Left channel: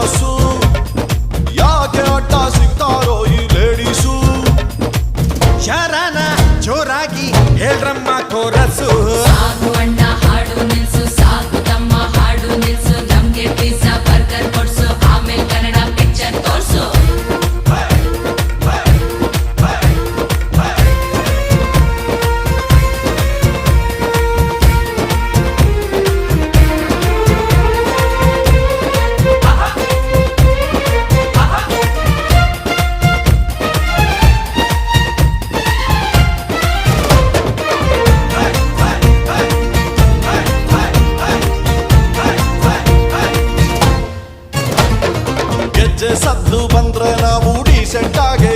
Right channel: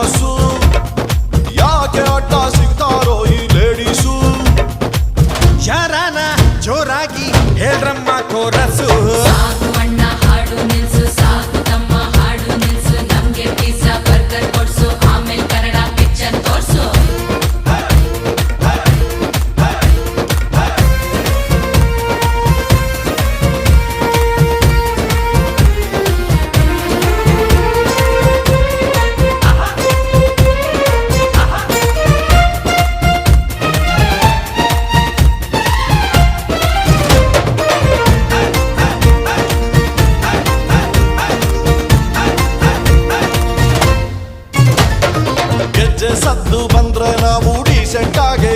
Famous. ಯಾಕೆ ಅಡ್ಡ ಸಿಗ್ತಾರೋ ಈ ಲೇಡೀಸು. ಯಾರಾನ ಜೋರಾಗಿ ಹೇಳ್ರಮ್ಮ ಕೋರಸು. ಸಾಕು ಅಣ್ಣ ಹಾಡು ನಿಲ್ಸು, ಸಾಕು ತಮ್ಮ ಹಾಡು ನಿಲ್ಸು, ನಮ್ಗೆ ಪಿಜ್ಜಾ ಬರ್ಗರ್ ಕೊಡ್ಸು, ಆಮೇಲೆ ಕನ್ನಡ ಪಿಕ್ಚರ್ ತೋರ್ಸು. ಗೆಜ್ಜೆ ಸದ್ದು ಬಂದ್ರೆ ನಾವು ಡೀಸೆಂಟ್ ಆಗೇ